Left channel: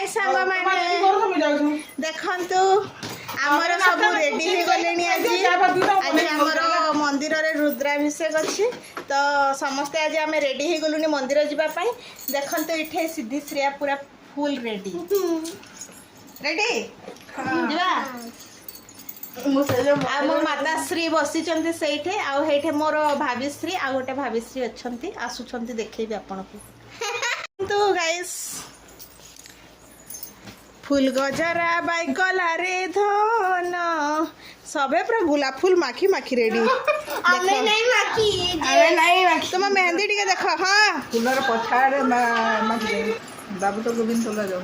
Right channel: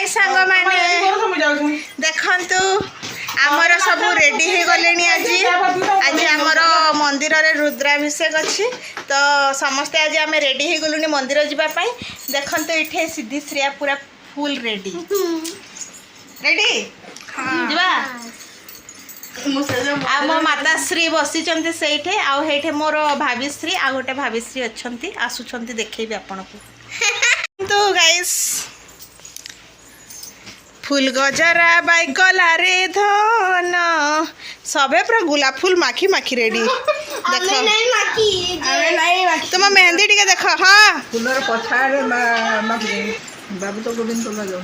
हाय सांग माने देखंतु आमर सब रेडी हो गले आज आज आमर मंदिर रे रुद्राभिषेक अच्छी तो समस्ते आज आम रेडी हो गलुनी मंदिर जावाई देखंतु इठे सिद्धि श्रिया पूरा फुल रेडी रेडी जीवा मो माताश्री बसी से आठे मोर भाविश्री आ गोटे भाविश्री अच्छा आसुंच देखेबी आपन को तो गाइस फूल गजरा बाई गला रे धन सबे पूरा गुलाब फूल माखी माखी रेडी देख तुम मेहंदी टिके देख हाँ फूलर पछाड़े बाबू तो गोविंद तो जाऊ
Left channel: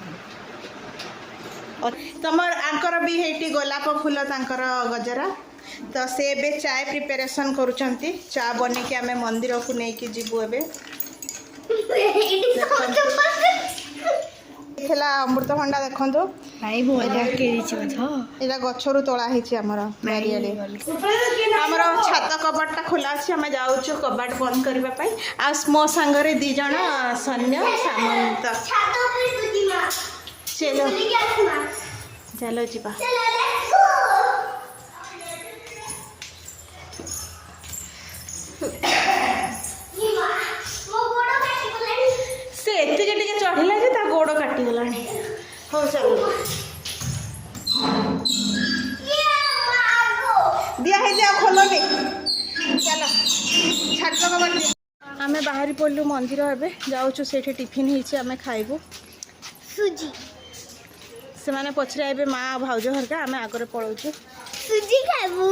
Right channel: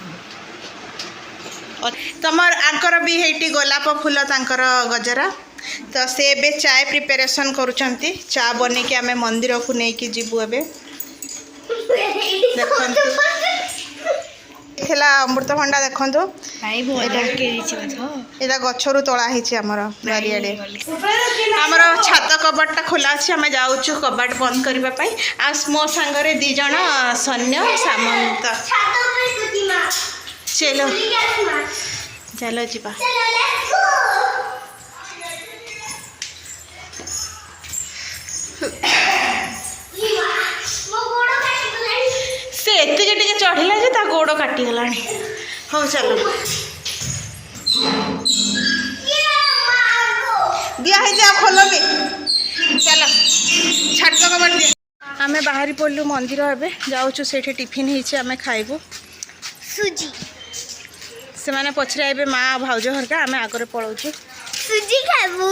तमर आंकर भी हेटी गोलाप फूल तांकर गजरा तो से बे चाय प्रिपरेशन करूचंती चा बने के आमे मंदिर को नहीं कि जीवु एबे देखंतु अमृतभंडा देखो यहाँ गचर तोला आमर बारियाड़े आमर छात कबाटा खोला अच्छे आम जाऊँ कबाट बंद करने आ मो सांगरे दीज सैन्य सामंत चलो चलो जीवा से एत चढ़ला जे ता गोड़ काटिगला हो चलो दिया है जा खोलोगे चलो छाड़ तो कबाट दिया आमे बाहरी पड़लु मंदिर एबे जाऊँ से टिफिन होइछे आमे खाइबु सुजी से माने पछरे आइबे माँ भाउज हरका आमे आगरे पळौछु सुजी खाइबु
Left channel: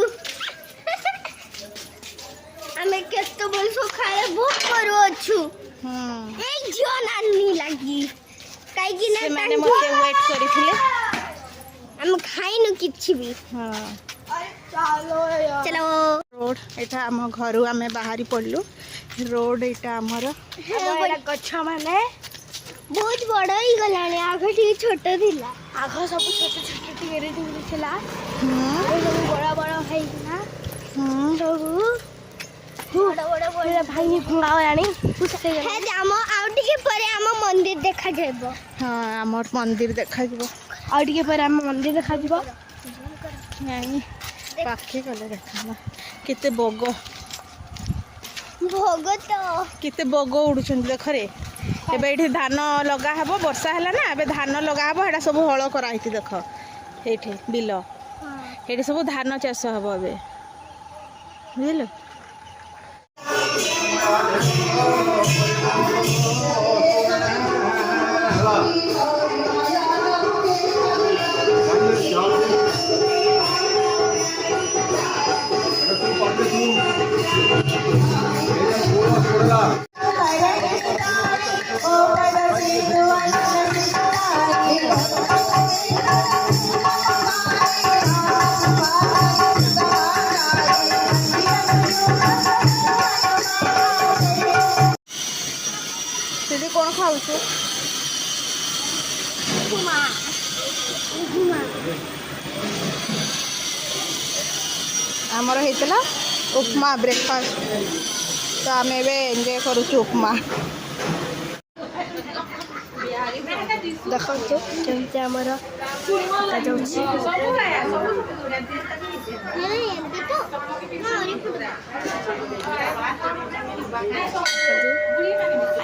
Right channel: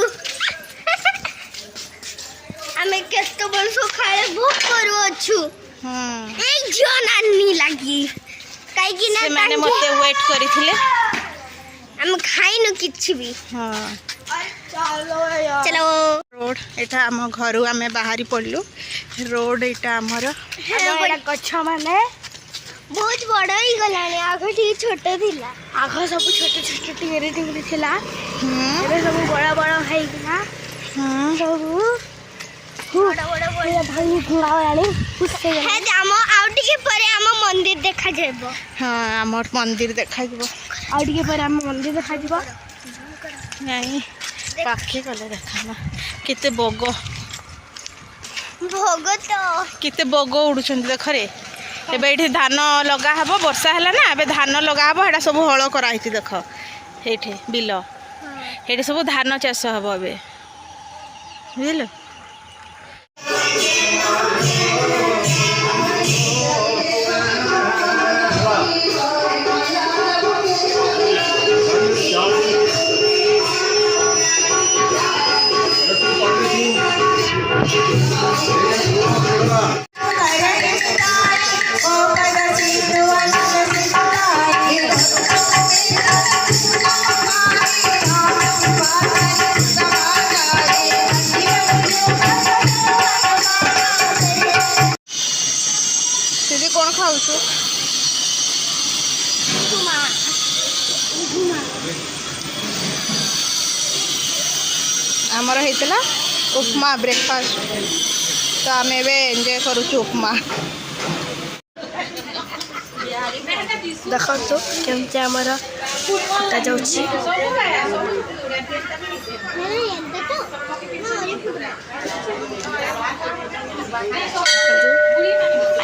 आमे केतो बरस खाए भूख करू अछु एक जन आनी लागी काई कि ना से माने मते वेट करिथिले हम खाइनु किछि भी हां चलो रोड एटा हम घरु आमे बाहरी पड़लु रोड एटा हमर गछ माने बहुत बड़ ही गलाने आगे ठीक छोट थिला आगे सब छोट छोट टिरे टिरे थिला ए सब बड़ा बड़ा है ना हां सब बड़ा बड़ा बड़ा भाई घुरावानी है हम आउट के परे हम मंदिर देखा जेबो हां हमर मंदिर देखा जेबो आउट के परे हम मंदिर देखा जेबो नहीं पाखे गले देखा केते बग भोग तो केते बग उडुछन देख रे एबे एठी धान लगा हबो वर्षा हैला ना एबे धान लगा हबो एडा सब हळ करा हिती देख एठी बिल एठी सब धान चाष हबो एबे बुझिलो दीदी कौन खाऊ आमर होता उपमा ब्रेकफास्ट तो आम एंजॉय करुचु उपमा देखो तो केमती आमर फटा जाउछि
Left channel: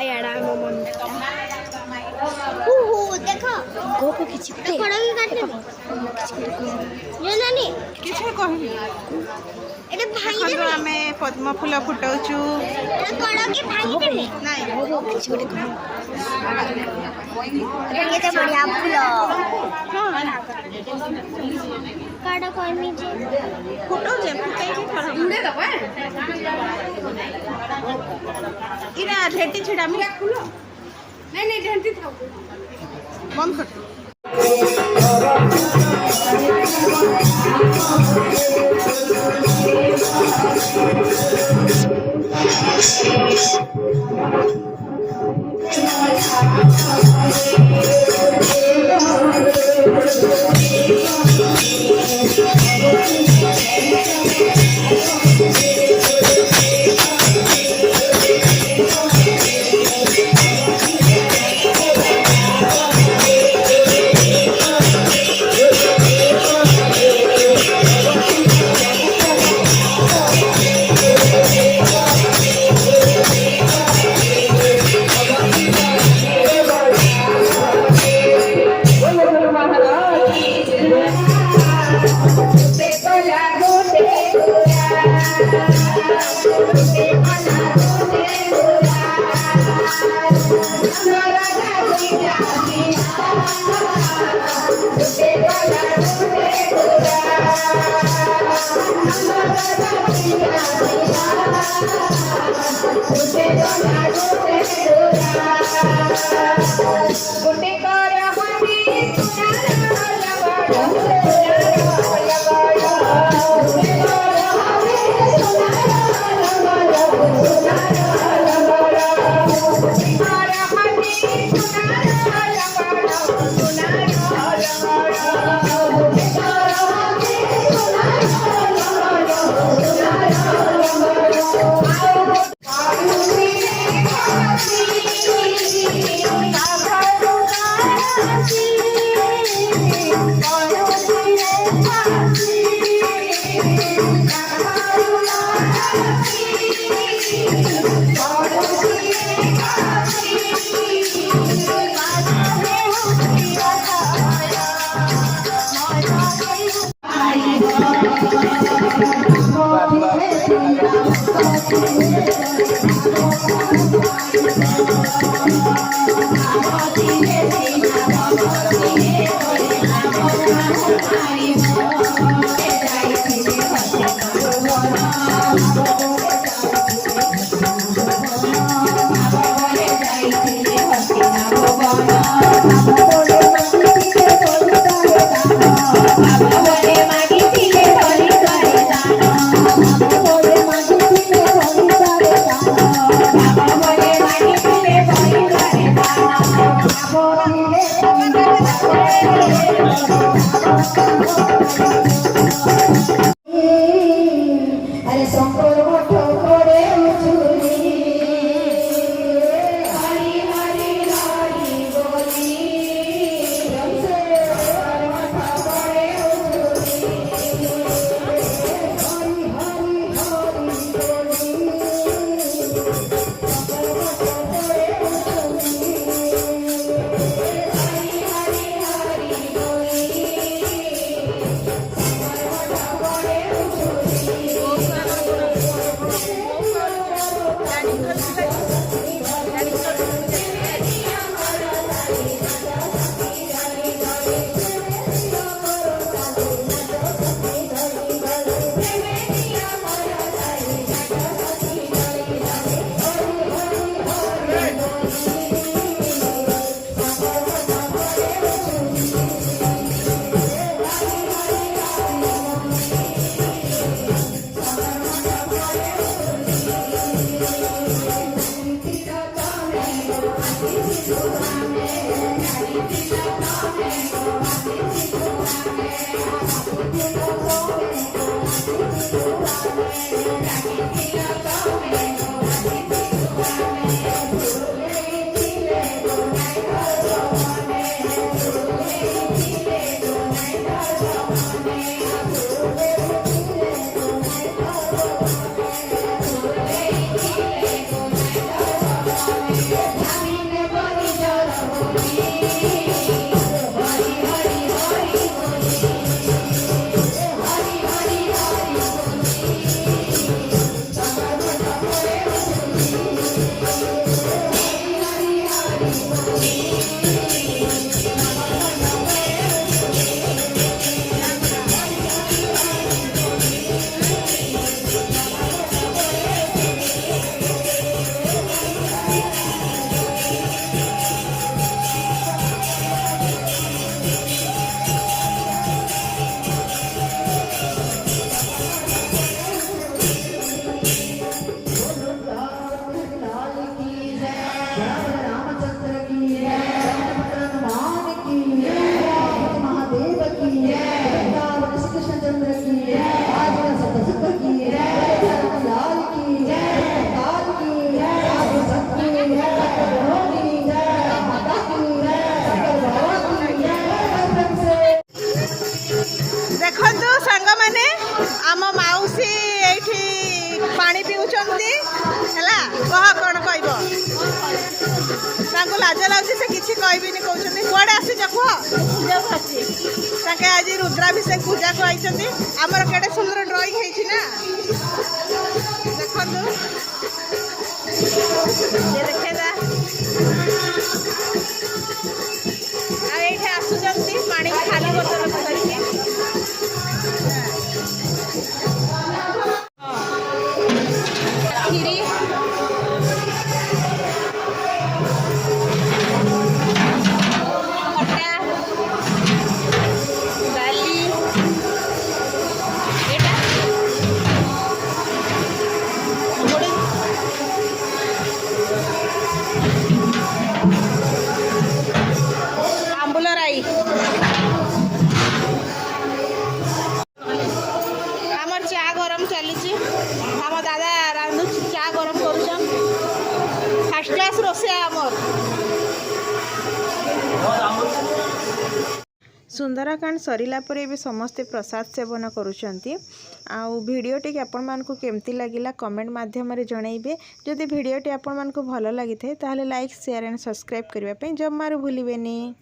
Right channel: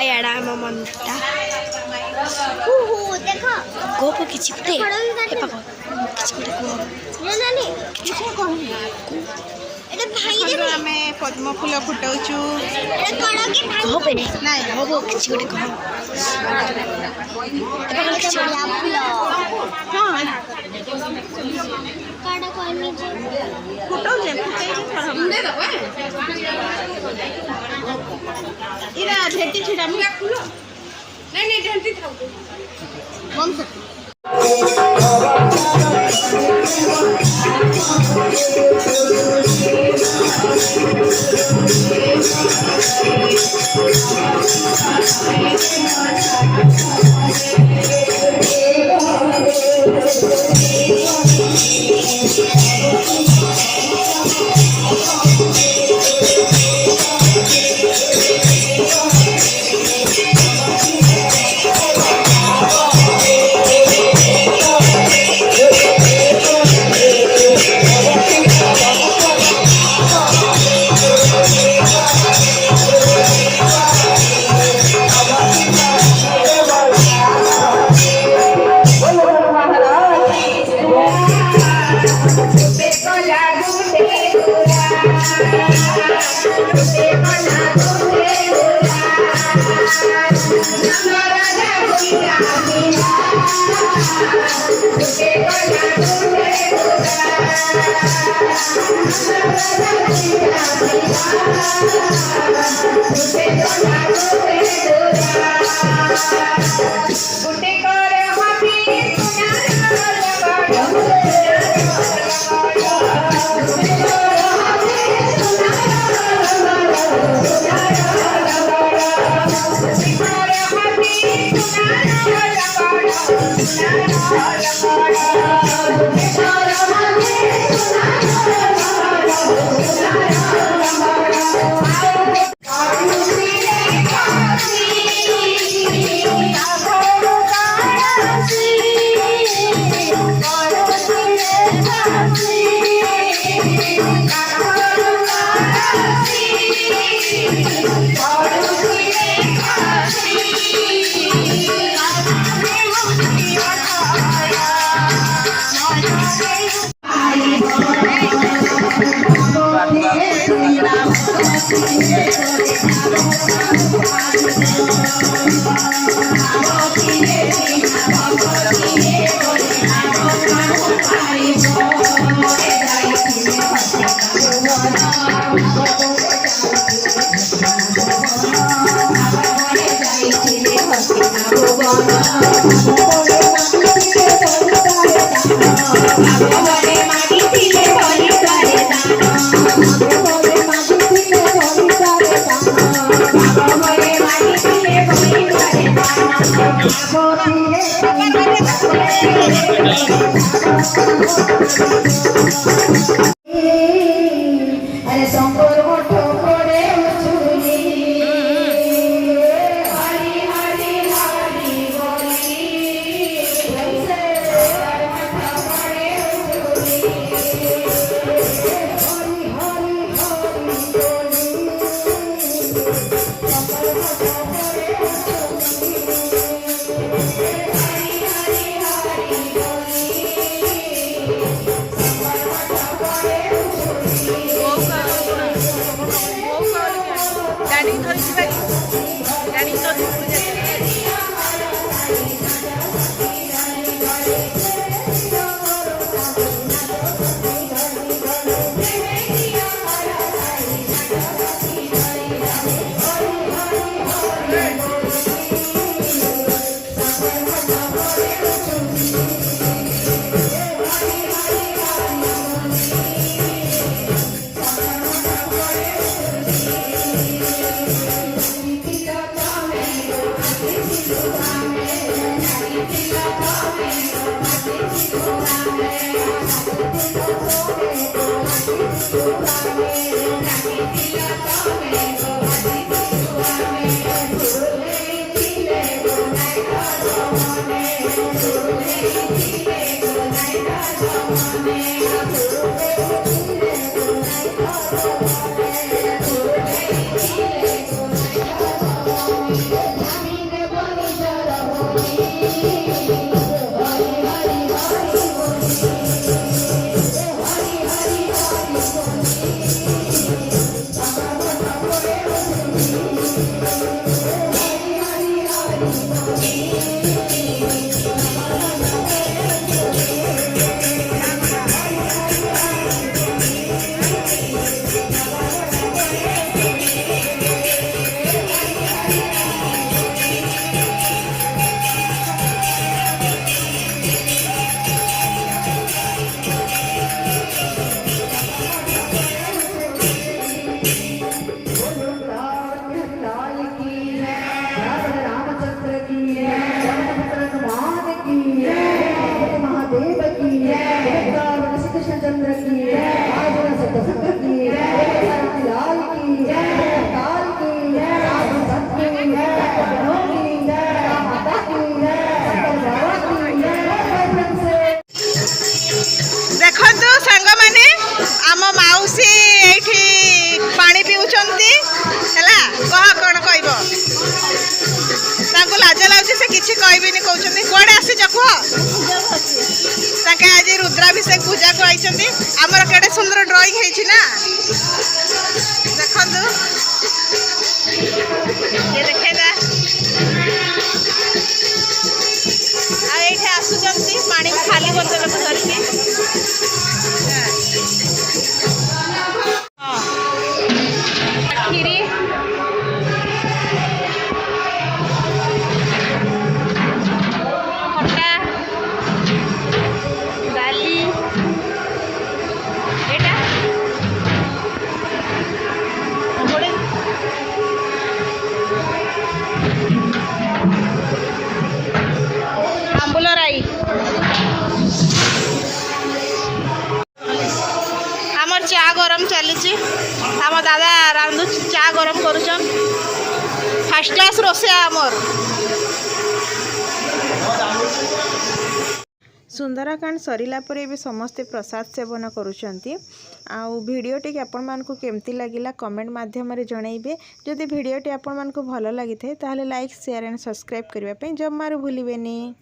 आयाडा आम मंदिरटा देखो गोप किछि गुटे ए पापा किछि गुटे को ये नानी किछु कहनी एटा भाई देखो आमे पद्म फूल फुटाउचु एटा कोन के भाई गोप नै नहीं गोप किछि गुटे कहो एटा किछि बढ़िया फूल काडा कोनी जे फुटाउचे मुंडे दबा इरा ढेटी छिडा मु फूल नहीं नहीं ढेटी थाउ बंद कर देखो सांग माने आम माउसी एठी पानी पिउचंती हैला कह कोन कहबो ताको लाज लाउची से किछि कहबिनी कहउचंती कोडे आसी जखो ताके आज रुद्राभिषेक पूजा को आइचंती हमर केडे सुंदर ड्राइंग हेछि ना देखंतु ये देखेगा आ एठी आसुचंती पानी खाली बोतल को धरिके खीरी खट्टा डाली एटा आंबुल राई आमर चा गरम चली आम दादा रांधु चा गरम करुचन फास्ट क्लास रोषेया आमर सुंदरकांड सरिला परे भी समस्ते प्रसाद सेवन करुँच आउ भिडटी आपण मानक केमती लगिला कमेंट माध्यम जनइबे जदि भिडटी आपण मानक भल लगी था लाइक शेयर एंड सब्सक्राइब करने जमार भूलें।